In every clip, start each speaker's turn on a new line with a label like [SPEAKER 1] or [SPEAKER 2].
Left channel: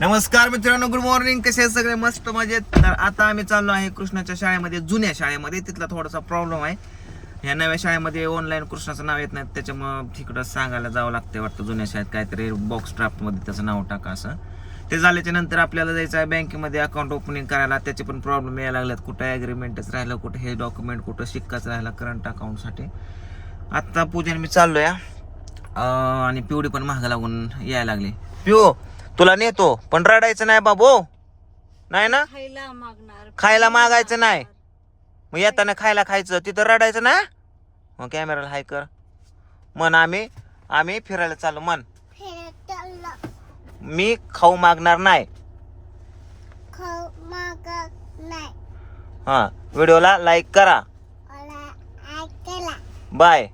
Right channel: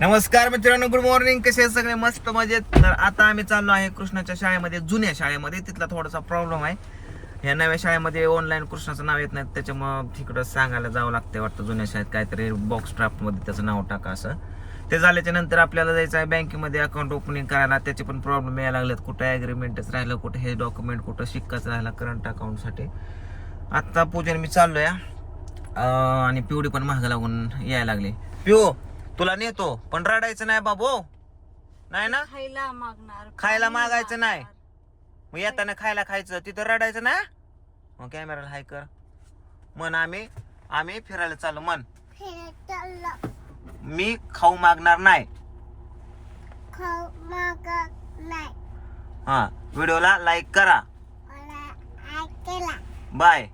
[SPEAKER 1] नमस्कार मित्रांनो good morning कसे सगळे? मस्त मजेत. तर आता आम्ही चाललो आहे कृष्णाच्या शाळेमध्ये जुन्या शाळेमध्ये. तिथला थोडासा प्रॉब्लेम आहे. ह्या नव्या शाळेमध्ये ऑनलाईन कृष्णाचं नाव येत नाही त्याच्यामुळं तिकडं सांगायला जावं लागतं वाटतं. जुन्या शाळेत काहीतरी बॉक्स ड्राफ्टमध्ये त्याचं नाव टाका असं. ते झाल्याच्यानंतर आपल्याला जायचं आहे बँकेमध्ये अकाउंट ओपनिंग करायला. त्याचे पण प्रॉब्लेम यायला लागलेत. कुठं ॲग्रीमेंटच राहिलं कुठं हे डॉक्युमेंट कुठं शिक्काच राहिला करंट अकाउंटसाठी आत्ता पूजन मी चाललो या आणि पिवडी पण महाग लागून यायला लागली. पिओ तुला नेतो पण रडायचं नाही बाबू. नाही ना?
[SPEAKER 2] खायला मागणार
[SPEAKER 1] खायला मागायचं नाही. मग येताना खायला खायचं तिथं रडायचं ना? मग कॅमेराला हाय कर. मन आम्ही आम्ही फिरायला चाललो मन मी खाऊ मागणार नाही. हा व्हिडिओला लाईक करा. बाय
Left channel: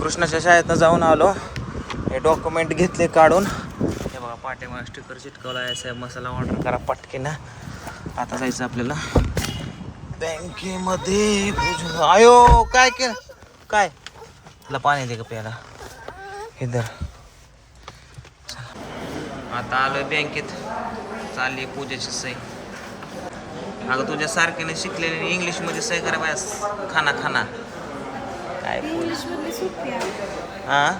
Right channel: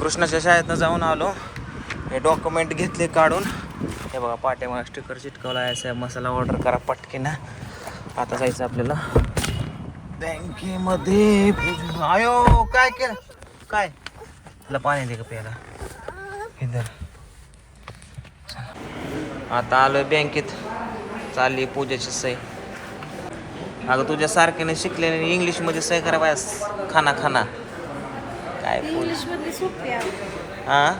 [SPEAKER 1] कृष्णाच्या शाळेतनं जाऊन आलो. हे डॉक्युमेंट घेतले काढून. हे बघा पाठीमागा स्टिकर चिटकवला आहे. असं मसाला ऑर्डर करा पटके ना आता जायचं आपल्याला. बँकेमध्ये आयो काय केलं? काय? तुला पाणी दे का प्यायला? इधर आता आलोय बँकेत. चालली पूजेची सही. अगं तुझ्या सारख्याने शिकलेले इंग्लिशमध्ये सही करा बायस खाना खाना. काय
[SPEAKER 2] इंग्लिश मधली सोपी
[SPEAKER 1] हा.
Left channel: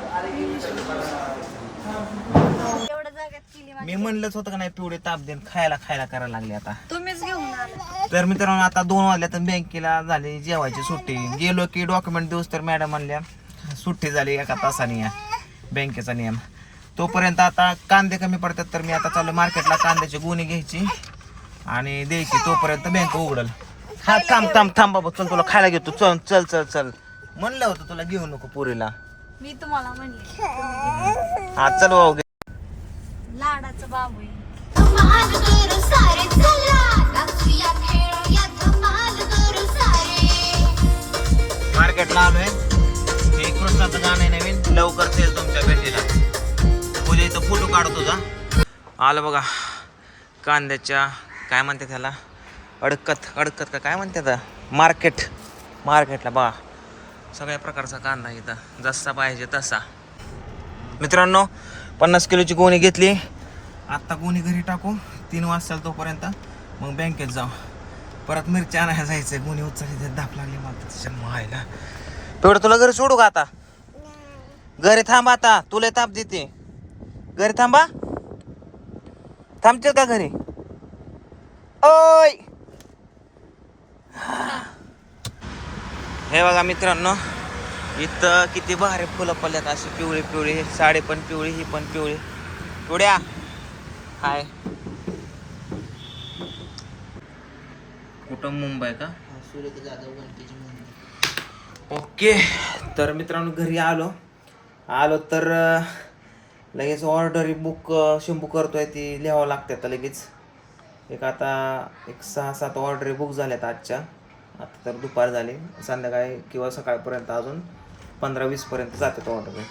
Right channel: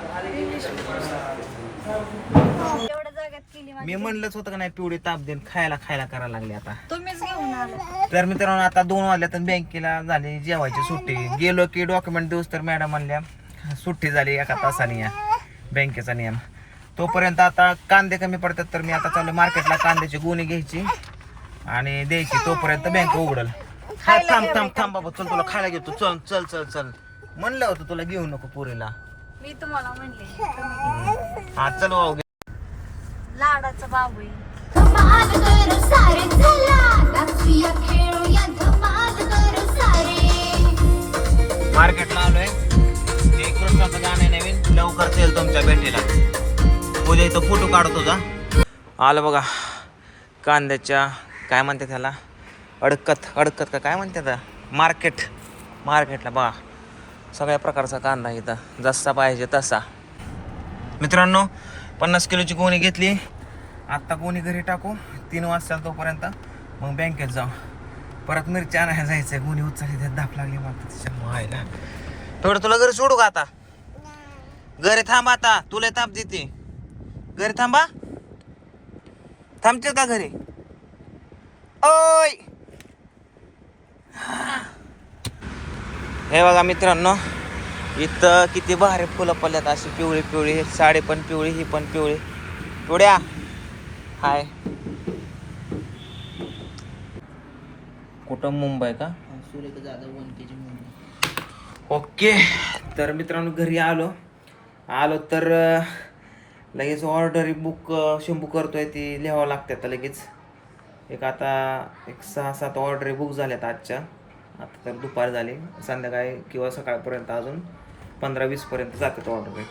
[SPEAKER 1] मी म्हणलंच होतं का नाही पिवळी ताप देऊन खायला खायला करायला लागले आता.
[SPEAKER 2] तुम्हीच घेऊन
[SPEAKER 1] तर मित्रांनो आता दोन वाजल्या तर बँकेला झाली जेवायची सुट्टी. गेलो की डॉक्युमेंट देऊस तर मॅडम म्हणल्या सुट्टी झाली एका तासाने या बँकेचा नियम. तोपर्यंत आता कांदे कमी पडतात तर मी आता चालू मार्केटला कांद्याची गुणी घ्यायची आणि द्यायची. तोपर्यंत बँक उघडल. हा थांब थांब थांब बाबा चल तुला खायला घेतो. चल चल चल चल. म्हणलं होतं तुला घेऊ नको पुरीला.
[SPEAKER 2] मी तुम्हाला म्हणले. तुम्ही
[SPEAKER 1] हा चल भाऊ.
[SPEAKER 2] लाडाचा बाबू आहे.
[SPEAKER 3] धमाल करू सारे चला. नाचूया खेळूया धमाल करू सारे.
[SPEAKER 1] मार्केटला आलोय. हे कृष्णाचं गाणं आहे नवीन. लवकरच येईल तुमच्या भेटीला. उद्या इथं फोटो काढतो तुझा आलं बघा. कांद्याच्या काय म्हणते त्याला? अडकत अडकत का काय म्हणते मार्केट. मार्केटला बघा. सगळ्या प्रकारचा कांदा इथं जसा पाहिजे तसा. मित्रांनो पन्नास किलोची गोणी घेतली. आत्ता गोणी घरी टाकू. तीन वाजता तोपर्यंत मग बँकेत जाऊ. परत मिरची आणायला जायचं गोणी उचलली तर दाप लागली मला. तिच्या मायला. तेवढं तुला घरी सोडू का आता? घरी थांब आता. तुला ताप देते. घरी थांबा. थांबतील का घरी? ओय! हे बघा मित्रांनो इथं किती भारी फुलं पडल्यात अशी पिवळी पिवळी ही साडी पण पिवळी ही पण पिवळी. पिवड्या हाय. कुठं मुंबई का? ओके. तर मित्रांनो घरी आलो. आलो तर लगेच ऑर्डर बुक शंभू करतोय ती लिहावं लागते आता लगेच. एक आता एक सहा सात ऑर्डर बुक झाल्यात आजच्या. आता तर दुपार झाले. संध्याकाळी किंवा सकाळपर्यंत अजून पंधरा वीसपर्यंत जातात ऑर्डर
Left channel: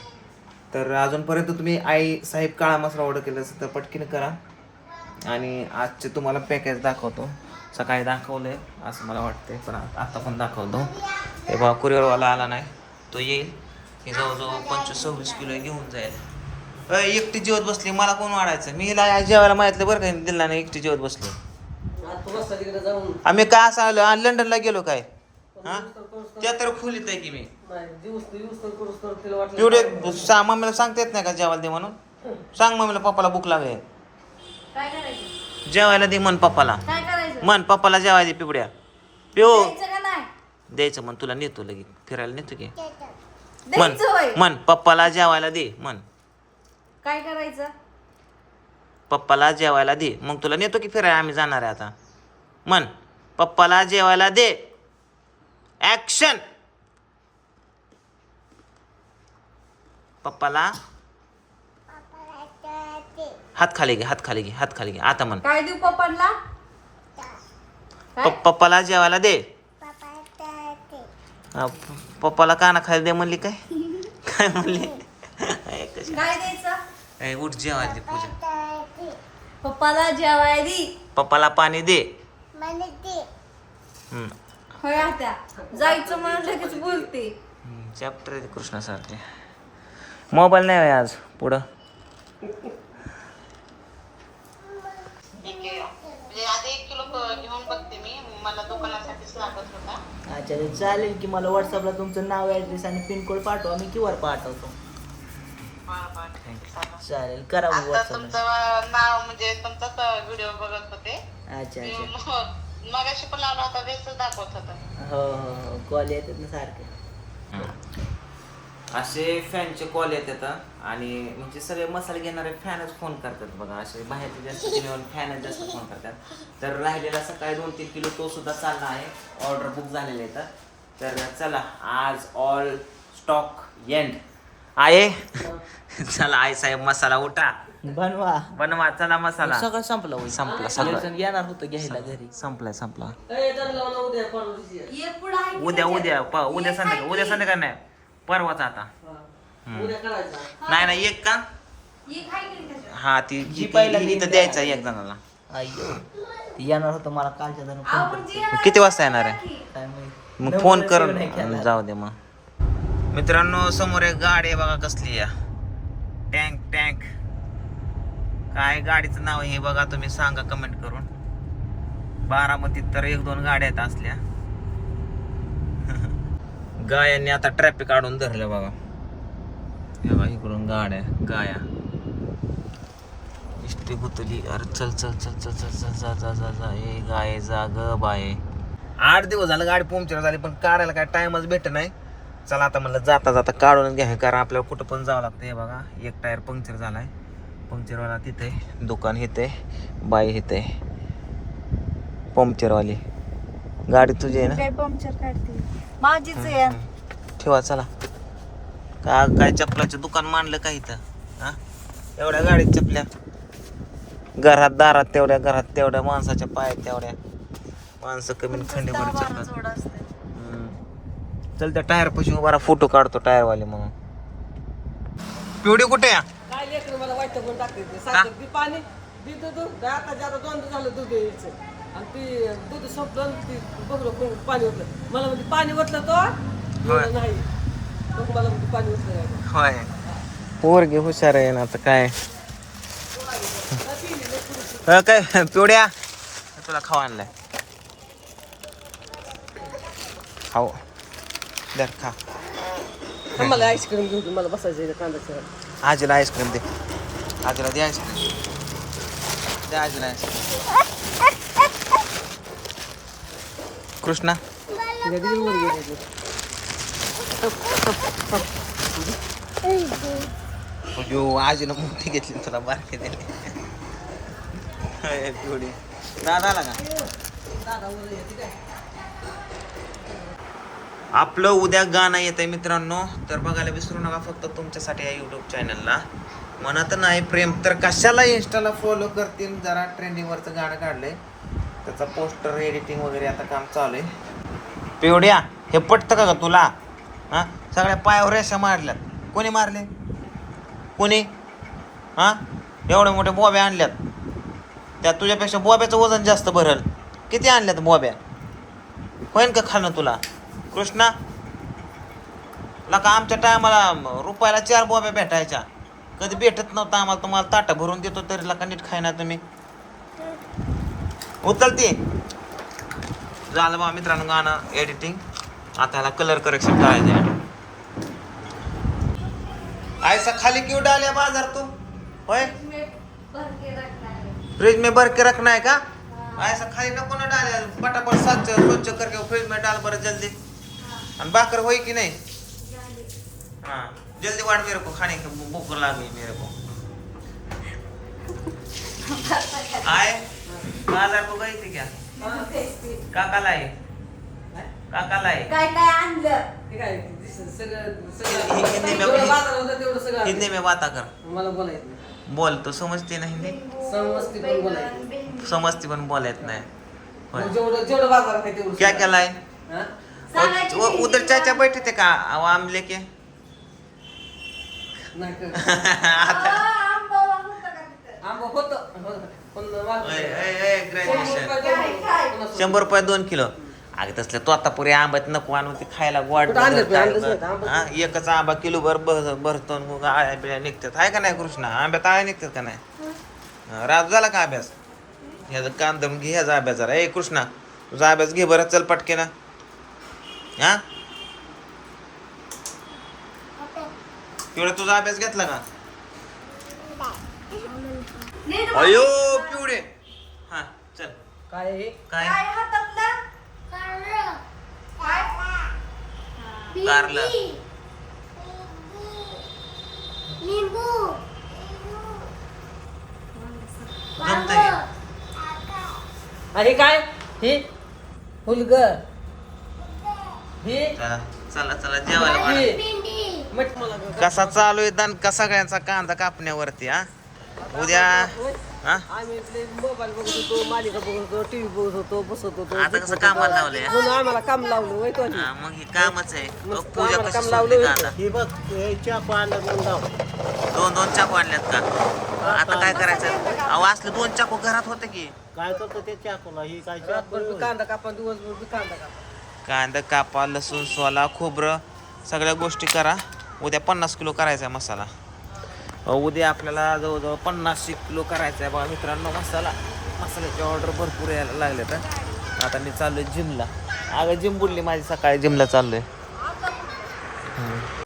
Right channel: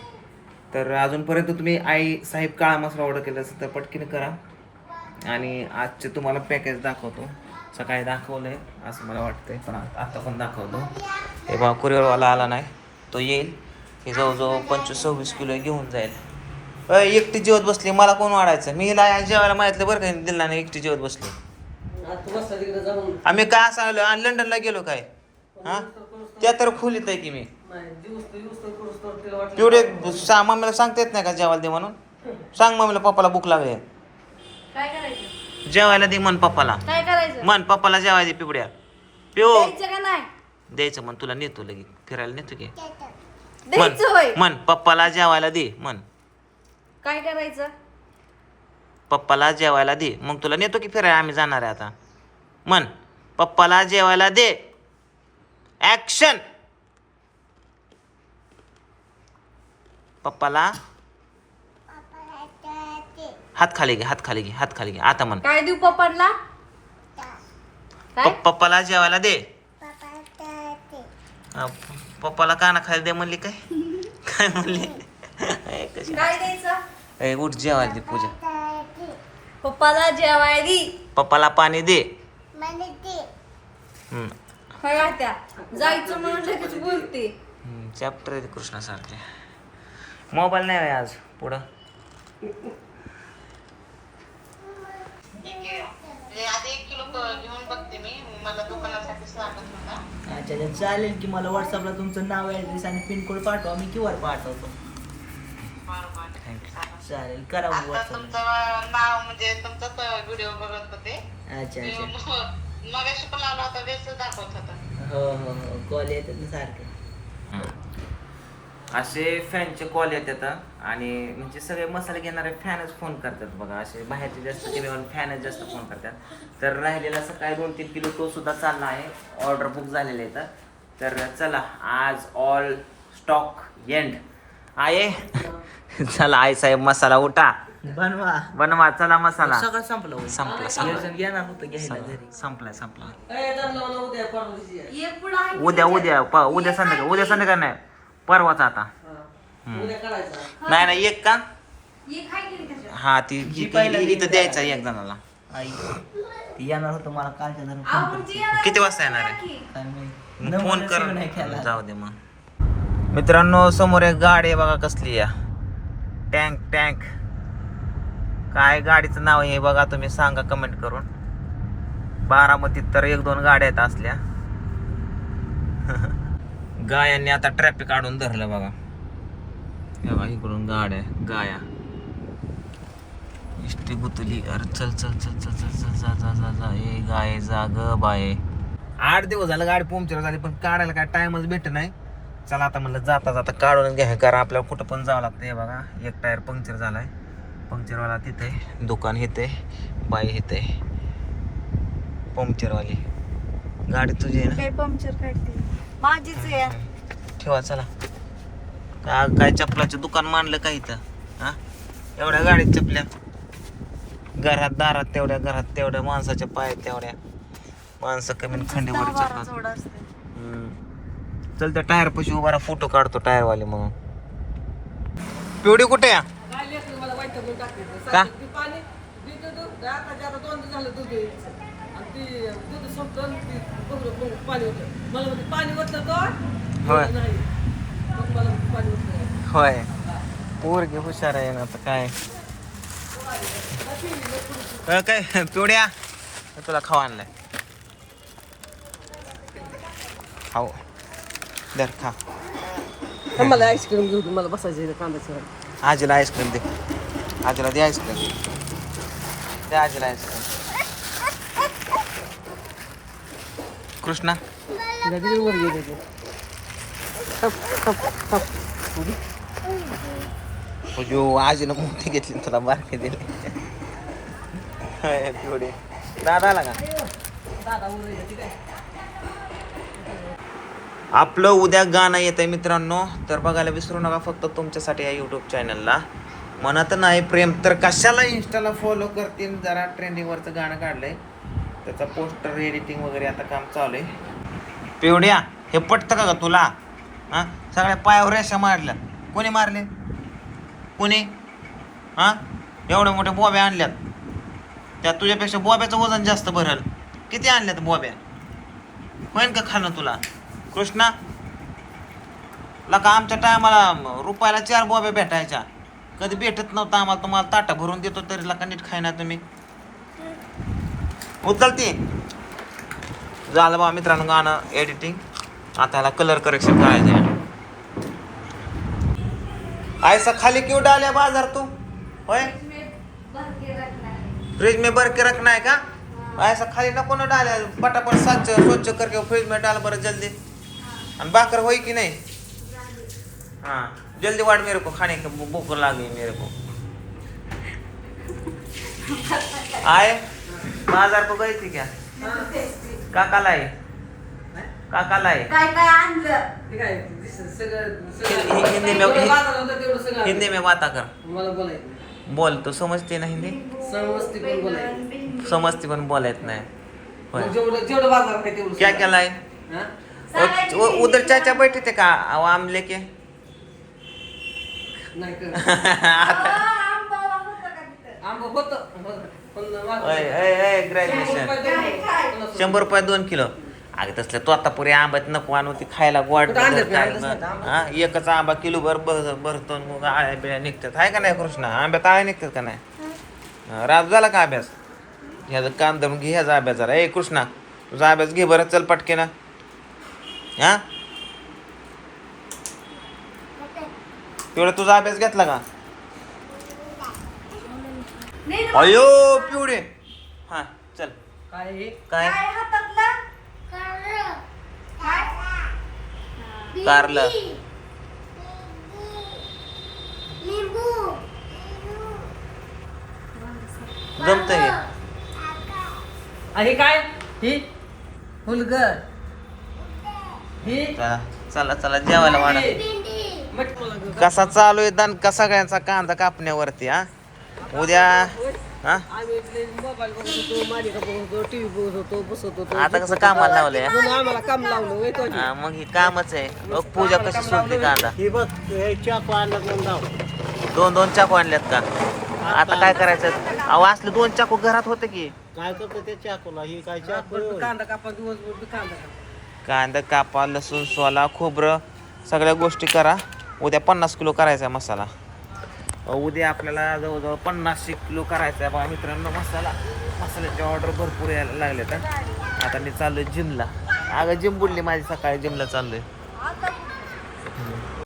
[SPEAKER 1] तर अजूनपर्यंत तुम्ही आई साहेब काळा मसाला ऑर्डर केला असेल तर पटकीन करा. आणि आजचे तुम्हाला पॅकेज दाखवतो. सकाळी दाखवलंय असं मला वाटतंय पण आता पण दाखवतो. हे बा कुरिअरवाला आला नाही. तो येईल. हे जवळजवळ पंचवीस सव्वीस किलो घेऊन जाईल. एकटी जेवत बसली मला कोण वाढायचं? मी जेवायला माहितलं बरं का दिला नाही एकटी जेवत बसली. आम्ही काय असं आलो? आणि लंडनला गेलो काय? हा? त्या तर खोलीत आहे की मी. एवढे सा मम्मीला सांगता येत नाही का जेवायला दे म्हणून? सांग मम्मीला पप्पाला भूक लागली.
[SPEAKER 2] काय करायचं?
[SPEAKER 1] जेवायला दे मन पप्पाला.
[SPEAKER 2] काय करायचं?
[SPEAKER 1] मन पप्पाला जेवायला दे पिवड्या. पिऊ.
[SPEAKER 2] द्यायचं का नाही?
[SPEAKER 1] द्यायचं मन तुला नेतो लगेच. फिरायला नेतो की.
[SPEAKER 2] होय
[SPEAKER 1] मन पप्पाला जेवायला दे मन
[SPEAKER 2] काय करायचं?
[SPEAKER 1] पप्पाला जेवायला दे. मग तुला नेतो की फिरायला? आम्ही जाणार आहे आता. मन पप्पाला जेवायला दे. ऍक्शन पप्पाला हात खाली घे हात खाली घे हात खाली घे. आता म्हण.
[SPEAKER 2] काय देऊ पप्पाला?
[SPEAKER 1] प- पप्पाला जेवायला दे. हा, प- पप्पाला काना खाली दे म्हणली काय? काय म्हणली?
[SPEAKER 2] काय द्यायचं?
[SPEAKER 1] ए उठ जेवायला दे पूजा.
[SPEAKER 2] पप्पाला जेवाय दी.
[SPEAKER 1] पप्पाला पाणी दे.
[SPEAKER 3] ते
[SPEAKER 1] हम्म.
[SPEAKER 2] काय त्या जायचं म्हणून लगेच बोलते.
[SPEAKER 1] चॅप्टर आहे कृष्णासारखे. मोबाईल नाही आहे आज पुढं.
[SPEAKER 4] आधी एक किलो क- घेऊन बघते मी. मला दुकानासाठीच लागत होता.
[SPEAKER 5] अच्छा अच्छा. चालेल की मला व्हॉट्सअपला तुमचं नाव ॲड्रेस आणि पिनकोड पाठवा. मी क्यू आर पाठवतो चालेल करा मग
[SPEAKER 4] आता तुमचं नाव म्हणजे तुमचाच व्हिडिओ बघत होते.
[SPEAKER 5] अच्छा
[SPEAKER 4] मी
[SPEAKER 5] अच्छा.
[SPEAKER 4] म- मगाशी पण आला होता व्यस्त दाखवत होता.
[SPEAKER 5] हो हो हो. कॉल येतात ना सारखे.
[SPEAKER 1] असे फॅनचे कॉल येतात आणि म्हणजे सगळे मसाले घेणारे फॅनच फोन करतात बघा. असे बाहेरचे जास्त किंवा फॅनच जास्त फोन करतात. तर राहिलेला सकाळी दोन तीन किलो तो सुद्धा चालला आहे. ऑर्डर बुक झालेले आहेत तर चला आज ऑल स्टॉक एंड आहे? चला आई साहेब मसाला उठा.
[SPEAKER 5] बनवा.
[SPEAKER 1] बनवा चला मसाला.
[SPEAKER 5] सगळं संपलं.
[SPEAKER 1] संपला सगळं
[SPEAKER 5] सगळं येणार होतं घ्यायला घरी.
[SPEAKER 1] संपलाय संपला.
[SPEAKER 2] आहे.
[SPEAKER 1] उद्या उद्या प- उद्या संध्याकाळ उद्या संध्याकाळ नाही. परवाच आता. हम्म. नाही नाही एक का?
[SPEAKER 2] आहे?
[SPEAKER 1] हा ती जी पहिला इथं द्यायचा एक जणाला.
[SPEAKER 5] आई ती येणार होतं मला कालच्या जण फोन करते.
[SPEAKER 1] किती वाजता येणार आहे?
[SPEAKER 2] की.
[SPEAKER 5] काय माहीत.
[SPEAKER 1] मग फोन कर
[SPEAKER 5] नाही केला.
[SPEAKER 1] जाऊ दे मग. मित्रांनो समोर एक गाडी आहे बघा कसली या टँक टँक. काय गाडीचं नाव आहे हे बघा तुम्ही सांगा कमेंट करून. बारामतीत तर एक दोन गाड्या आहेत असल्या. गायांनी आता ट्रॅफिक काढून धरलं बघा. बघा इकडून गाड्या गाया. इष्टी गुतली. अरे चल चल चल चल चल चल जा जा जा जा. ए गाय जा ग बाय. आठ दिवस झालं गाडी पंक्चर झाली पण काढायला काय टाइमच भेट नाही. चला आता म्हणलं जाता जाता काढून घ्या कारण आपल्याला कुठं पण जावं लागतं. हे बघा एक टायर पंक्चर झालाय. पंक्चरवाला तिथे दुकान इथे बाई इथे पंक्चरवाली. गाडी तुझी आहे ना?
[SPEAKER 2] काय पंक्चर काढते? माझीच आहे.
[SPEAKER 1] ठेवा चला. का काय चपलाचं दुकान मांडलं का इथं? हा एवढ्या गाडीत चपल्या. घरात दारात तेवढ्या घरात तेवढ्या माणसाच्या पायात तेवढ्या. माणसं कमी खंडीवर चल त्या टायर पशी उभा फोटो काढतो टायर वाले म्हणून. पिवडी कुठे या
[SPEAKER 6] काय लेकरं मला वाईट टाकायचं ती पाणी दूध आता दोन दिवस झालं दूध यायचं आणि ती दूध संपलं आणि ती बघलं कोण पाणी होतं मला पाणी तो?
[SPEAKER 1] होय.
[SPEAKER 6] नाही. मग मला पाणी होतं नाही.
[SPEAKER 1] होय. पोरगी हुशार आहे ना आता काय? अं, काय? पिवड्या? तुला खावा आणलाय. हो दर खा
[SPEAKER 6] मला आईस्क्रीम घेऊन मला बसायचं कांदा चिरायला
[SPEAKER 1] आजीला आईस्क्रीम दे. आजीला दे आईस्क्रीम दे आजीला आईस्क्रीम कृष्णा.
[SPEAKER 6] वर गेली ती.
[SPEAKER 1] जो आजीनं मोठी घेतली तुला दिली. हाय, दादा आला का? आपलं उद्या गाणं येतं आहे मित्रांनो. तर बघायला विसरू नका फक्त तुमच्यासाठी या यूट्यूब चॅनलला म्हणत नाही प्रेम तर कशाला इंस्टाला फॉलो करतील? जरा ट्रेंडिंगवरचं गाणं काढलंय. त्याचा पोस्टर एडिटिंग वगैरे आता काम चालू आहे. पिवड्या हे पटतं का ग तुला? हां? सगळ्या पायावर रेषा मारल्यात. कोणी मारले? कोणी? हां? एवढ्या मोठ्या बोब्या आणल्यात. त्या तुझ्यापेक्षा बोब्याचं वजन जास्त भरल. किती आणल्यात बोब्या? होईन का खाणं तुला? कृष्णा लका आमच्या टायमाला रुपयाला चार बॉब्या भेटायच्या. कधी भेटत नव्हतं आम्हाला तुम्हाला ताटा भरून देतो तरी लका नीट खायना तुम्ही. उचलते. झालं बा मित्रांनो गाणं एडिटिंग आता ह्याला कलर करेक्शन करायचं आहे ऐसा खाली क्यों डाले बाजार तू? होय? फ्रिज में भर के रखना है का? ऐसा खाली नको ना डाले पटापट स्वच्छ स्वच्छ करके फ्रिज में डाल बरं जल्दी. आणि भाकर होई की नहीं? हाँ जल्दी वाट मेरे को खाने की भूख लगी मेरे को. आए बाजार को गई थी क्या काका लाए काका लाए
[SPEAKER 2] काय काय आणलं?
[SPEAKER 6] काय
[SPEAKER 1] हिंदी- में-. हिंदी में बात कर.
[SPEAKER 6] मला बोलायचं नाही.
[SPEAKER 1] बोल तो समजते ना हिंदी?
[SPEAKER 6] समजते पण बोलायचं.
[SPEAKER 1] समजते पण बोलत नाही. होय.
[SPEAKER 6] मग जेवढं जेवढं बाजार आहे तेवढं
[SPEAKER 1] क्या. केलाय
[SPEAKER 6] हा?
[SPEAKER 1] और- वो उधर चाचा बैठे थे का? वो आम लेके
[SPEAKER 6] नाही तर
[SPEAKER 1] आता
[SPEAKER 2] आंबा होता.
[SPEAKER 1] अय, अय, अय, ग्रॅज्युएशन शंभर रुपये दोन किलो. अगं तसलं तो आता पुरे आंब्यात नको आणून ते खायला गोड
[SPEAKER 6] कुठं आणले?
[SPEAKER 1] काय
[SPEAKER 6] नाही? आंबा?
[SPEAKER 1] हा एकच आंबा किलो भर भर- भरतो आणि मग आळ्या बिळ्या निघतात. आहे का नाही कृष्णा? आंब्यात आळ्या निघतात का नाही? हा, रात झाला का अभ्यास? ह्याचा काम दम घे ह्याचा अभ्यास जरा. ए कृष्णा तुझा अभ्यास घे बरं चल पटके ना हा? तेवढा तुझा अभ्यास घेतला का? अयो पिवडे हा चल.
[SPEAKER 6] काय हे?
[SPEAKER 1] काय?
[SPEAKER 2] हातातला
[SPEAKER 1] कारलं.
[SPEAKER 3] लिंबू.
[SPEAKER 1] जमत
[SPEAKER 6] आणि हे काय? ही? हुलगर ही
[SPEAKER 1] चला चला चला जेवायला
[SPEAKER 6] मला.
[SPEAKER 1] कसा चालू आहे दण कसा सगळ्यांचा कांदा कापण्यावरती हा? उद्या हा? आता कसं कामाला लावलंय हा?
[SPEAKER 6] म्हणून आम्हाला काम लावलं तो
[SPEAKER 1] हा, मग हे कामच आहे. पूजा कशी सोडते कांदा.
[SPEAKER 6] ही बघ हे चाकू आणला
[SPEAKER 1] दोन दोन चाकू आणल्यात का? आता काय करायचं? अहो असले दोन चाकू घरात होते की.
[SPEAKER 6] काय करतो त्या चाकूला? ही काय चाकू कांदा कापा दिवसभर कांदा कापा.
[SPEAKER 1] कांदा कापा लसूण सोला खोबरं सगळ्या गोष्टी करा. उद्या पन्नास किलो करायचा आहे मसाला. उद्या आपल्याला जवळजवळ पन्नास किलो करायचा आहे बघा मित्रांनो मसाला. मसाल्याची ऑर्डर भरपूर यायला लागले तर आता मी चाललोय जिमला अगं जिम बुडली माझी सकाळी जिमला चाललोय. आहे